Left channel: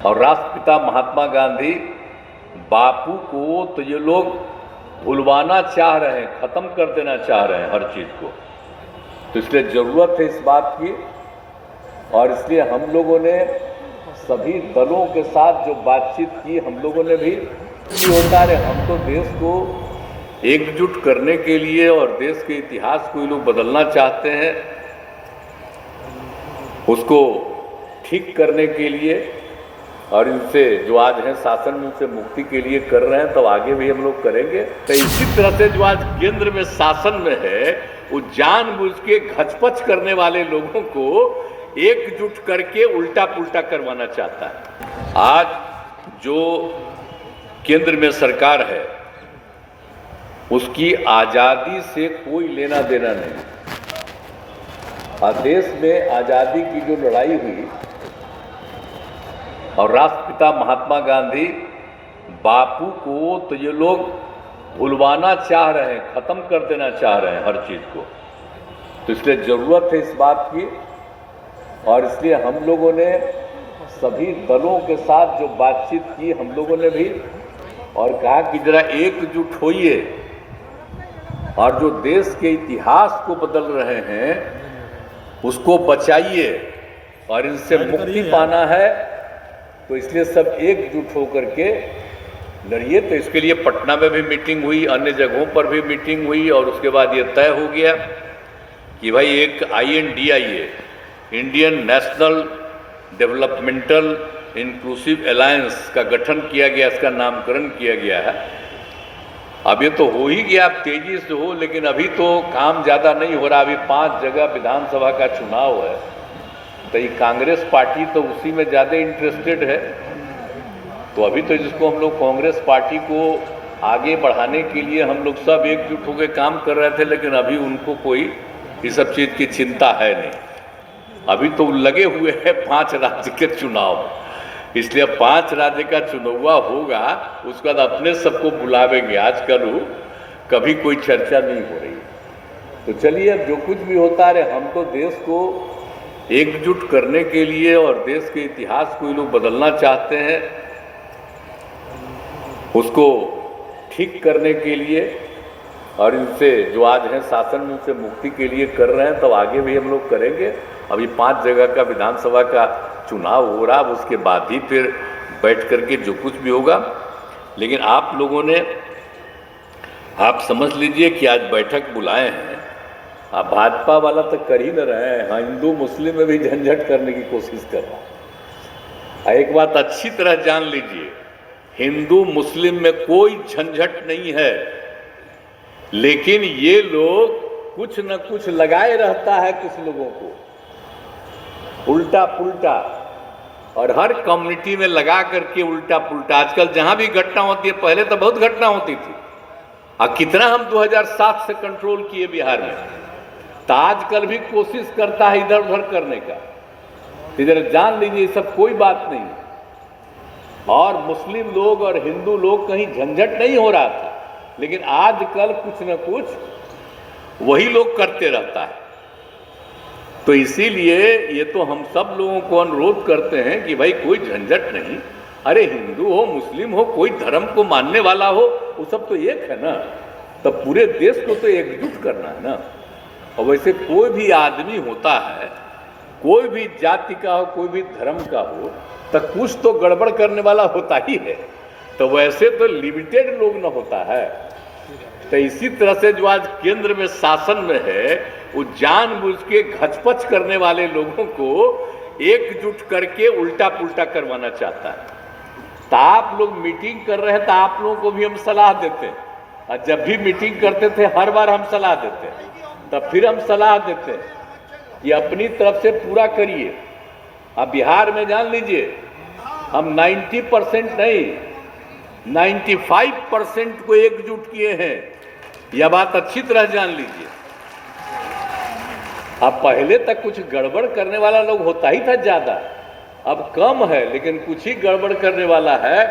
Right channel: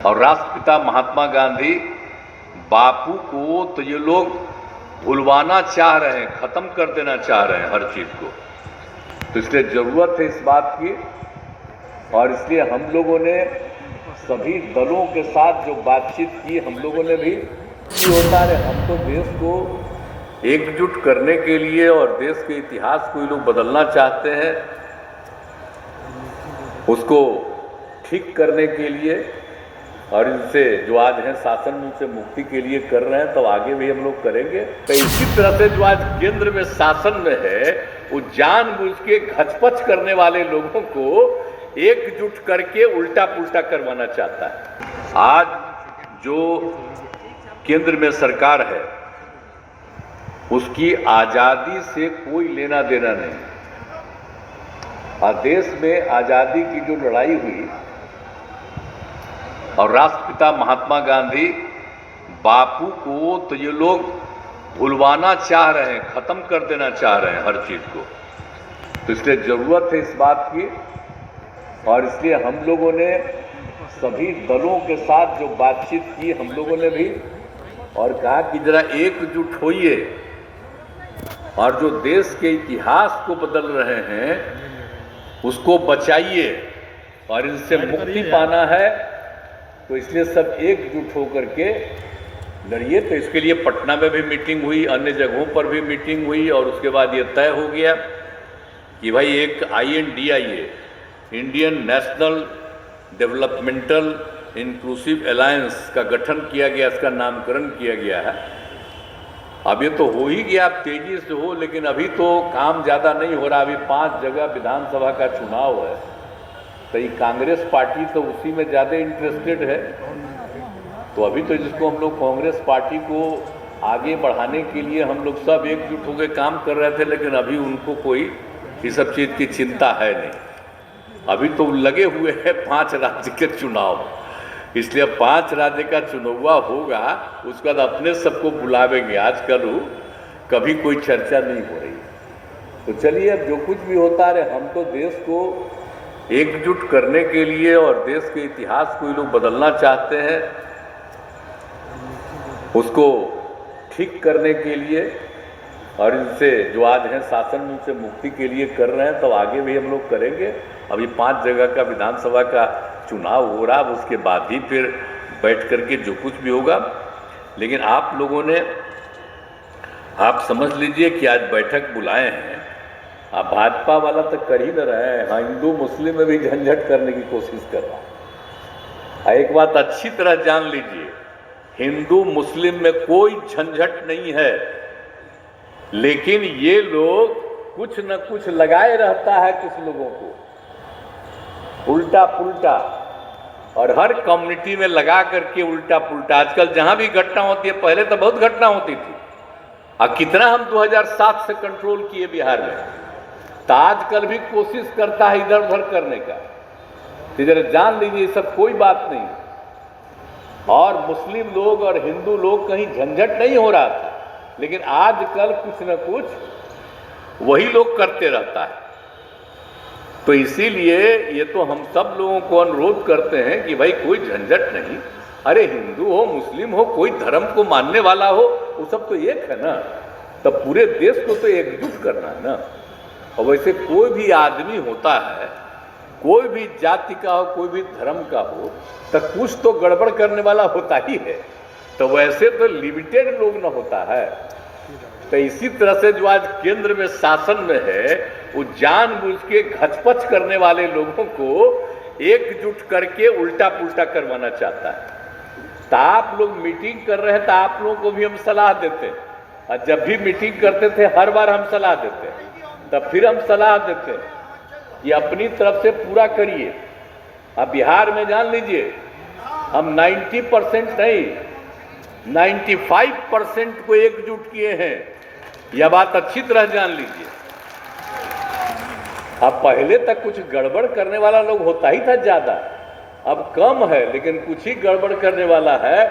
और राष्ट्रपिता महात्मा गांधी बापू को तो ये लोग भुलवाना चाह रहे हैं, खत्म कर देना चाह रहे हैं हर चीज को। तो इसलिए जरूरत है इस बात की, और इसलिए हम लोगों ने सभी दलों के साथ जो बातचीत की, हम लोगों ने भी होता है, हम तो देश को एकजुट करने के लिए और देश के इतिहास को ये लोग बदलना चाहते हैं, उसको ठीक करने के लिए, और इनसे जो आज हैं शासन में उनसे मुक्ति के लिए कर रहे हैं, तब आगे भी हम लोग करेंगे। तो इसी तरह से जो आज केंद्र में शासन में है, वो जानबूझ के घचपच करने वाले लोगों को एकजुट करके उल्टा पुल्टा करवाना चाहता है। आज जो केंद्र में सरकार है उसकी आजादी से कोई लेना देना नहीं। और देश में आजादी की जो लड़ाई हुई और राष्ट्रपिता महात्मा गांधी बापू को तो ये लोग भुलवाना चाह रहे हैं, खत्म कर देना चाह रहे हैं हर चीज को। तो इसलिए जरूरत है इस बात की, और इसलिए हम लोगों ने सभी दलों के साथ जो बातचीत की, हम लोगों ने भी और कहा कि जरा एकजुट होइए, और जो देश के इतिहास को बदल रहे हैं उसको बचाइए, और इनसे मुक्ति पाना है। तो इसलिए सब एकजुट होकर के लड़िए। तो इसके लिए पटना में भी मीटिंग हुई, अन्य जगहों पर भी मीटिंग हुई, और उसके बाद ये तय हो गया कि भाई एक INDIA, Indian national developmental inclusive alliance का गठन किया गया, इसका नामकरण किया गया है। अब ये तो हो ही गया, अब तेजी से हो, लेकिन अभी तो काम ज़्यादा नहीं हो रहा। अभी 5 जगह विधानसभा का चुनाव है, तो ये कांग्रेस पार्टी तो उसी में ज़्यादा इंटरेस्टेड है। तो अभी तो जिसको हम लोग कांग्रेस पार्टी को आगे बढ़ाने के लिए हम लोग सब एकजुट होकर काम कर रहे थे, लेकिन अभी उनको कोई इस सब चीज़ की चिंता है नहीं। अभी तो लगे हुए हैं 5 राज्य के चुनाव, इसलिए 5 राज्य का चुनाव होगा, उसके बाद अपने सबको बुलावेंगे। आजकल कभी कोई चर्चा नहीं हो रही। तो चलिए, अब जो कुछ भी होता रहे, हम तो देश को एकजुट करने के लिए और देश के इतिहास को ये लोग बदलना चाहते हैं, उसको ठीक करने के लिए, और इनसे जो आज हैं शासन में उनसे मुक्ति के लिए कर रहे हैं, तब आगे भी हम लोग करेंगे। अभी 5 जगह का विधानसभा का चुनाव हो रहा, उसके बाद ही फिर बैठ करके जो कुछ भी होगा। लेकिन आप लोगों ने, आप समझ लीजिए कि आज बैठक बुलाए हैं, अब भाजपा वाला तो कर ही न रहे हैं, हाँ, हिंदू मुस्लिम में भी झंझट करने की कोशिश कर रहा है। एक बात अच्छी तरह जान लीजिए, हिंदू मुस्लिम में कोई झंझट नहीं है, लेकिन ये लोग कुछ न कुछ लगाए रहता है कुछ लोगों को उल्टा पुल्टा, और हर कम्युनिटी में लगा करके उल्टा पुल्टा। आजकल जहां भी घटना होती है, पहले तो बहुत घटना होती थी, और कितना हम 2007 से कंट्रोल किए बिहार में, तो आजकल भी कोशिश करता है इधर उधर करने का। इधर जान लीजिए, सब कोई बात नहीं, और मुस्लिम लोग और हिंदू लोग कहीं झंझट नहीं हो रहा था, लेकिन आजकल कुछ न कुछ वही लोग करते रहता है। तो इसीलिए ये तो हम सब लोगों को अनुरोध करते हैं कि भाई कोई झंझट नहीं। अरे हिंदू हो, मुस्लिम हो, कोई धर्म को मानने वाला हो, वो सब तो एक है ना। तो पूरे देश को तो एकजुट करना है ना। और वैसे कोई भी आदमी होता है, कोई भी जाति का हो, कोई भी धर्म का हो, तो कुछ तो गड़बड़ करने वाला होता ही है। तो वैसे तो लिमिटेड लोग न होता है। तो इसी तरह से जो आज केंद्र में शासन में है, वो जानबूझ के घचपच करने वाले लोगों को एकजुट करके उल्टा पुल्टा करवाना चाहता है। तो आप लोग मीटिंग कर रहे हैं, तो आप लोगों को भी हम सलाह देते हैं, और जब भी मीटिंग करते थे हर बार हम सलाह देते हैं, तब फिर हम सलाह देते हैं कि अपनी तरफ से पूरा करिए। अब बिहार में जान लीजिए, हम 90% नहीं, 95% को एकजुट किए हैं। यह बात अच्छी तरह जान लीजिए। अब पहले तक कुछ गड़बड़ करने वाला लोग होता ही था ज्यादा, अब कम है, लेकिन कुछ ही गड़बड़ करने वाला है।